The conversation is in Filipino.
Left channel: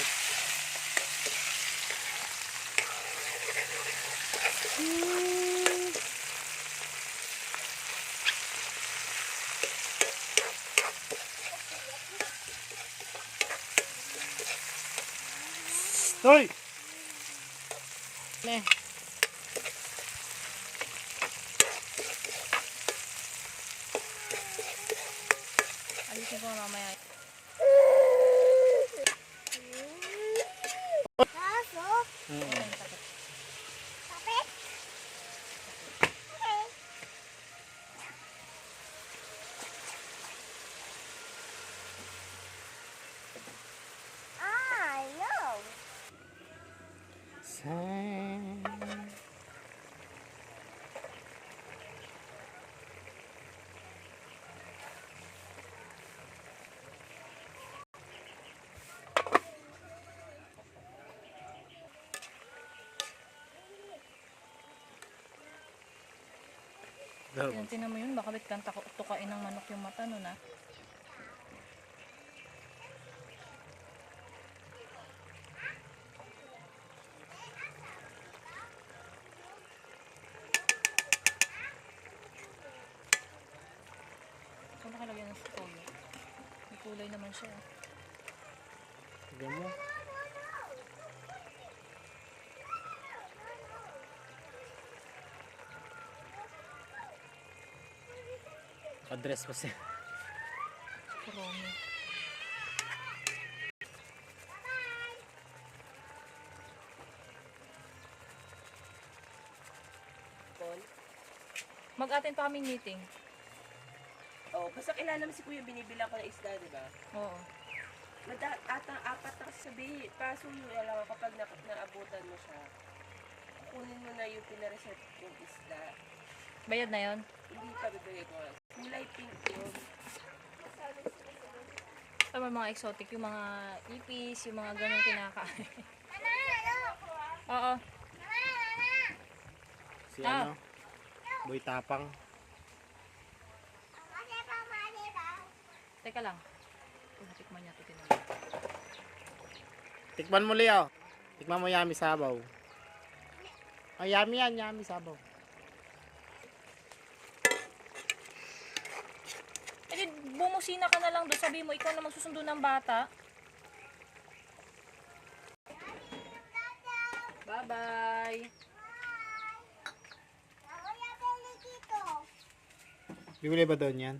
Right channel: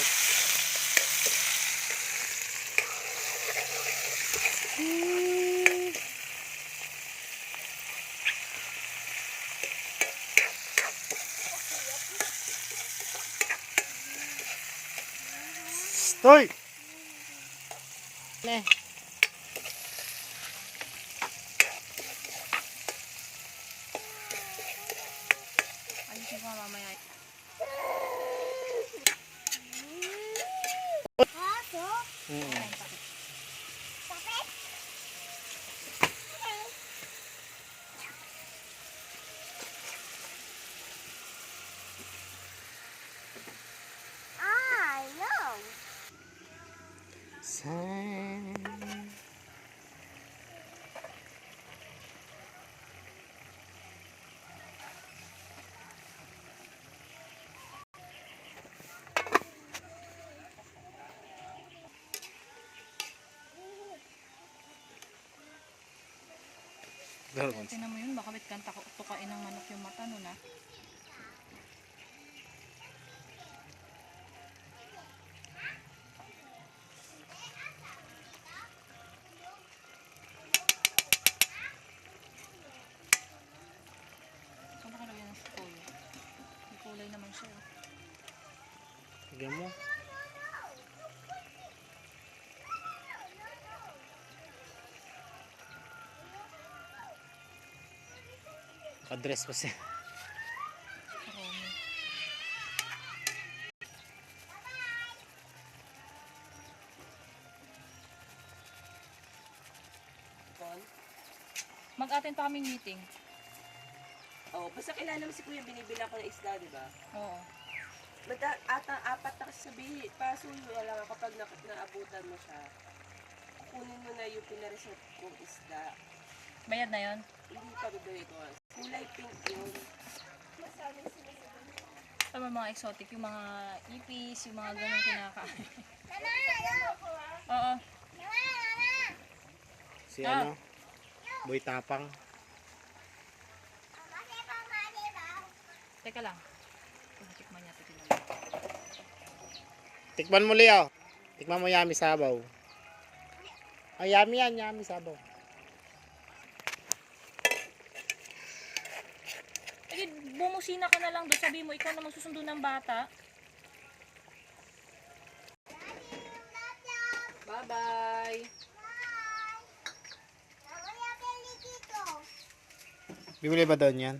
malapit. Stoy! Ne. Alisin ko mamaya. Yan, tinan mo yun, baka kang tukain ng manok yung mata nun ah. Saan ba kalagyan ng tuyo? May kulay naman siya. Tignan mo. Naka-dress pa siya. Romy. Mag-attend pa kaming meeting. Oh, basta kilala mo si Kuya, binibilang ko ng isda, di ba? Oo. Apat na kasabihin. Kaso, alam mo, kapag naabutan mo siya, kunin mo na yung pinareserve kong isda. Bayad na yun? Hindi pa bibigay ko. Kulay pink yun. Ito may mga exotic, yung mga ipis, yung mga ganun kinakain. Oo. Si ano? Boy Tapang. Teka lang. Tikman niya ito. Tikman mo, Leo. Tikman mo yummy sabaw. Ay, yummy yan, yummy sabaw. Eh, bumusina ka na lang doon. Sabi mo, ikaw na magsusundo ng bata. Bye-bye! Bibili ba doon yan?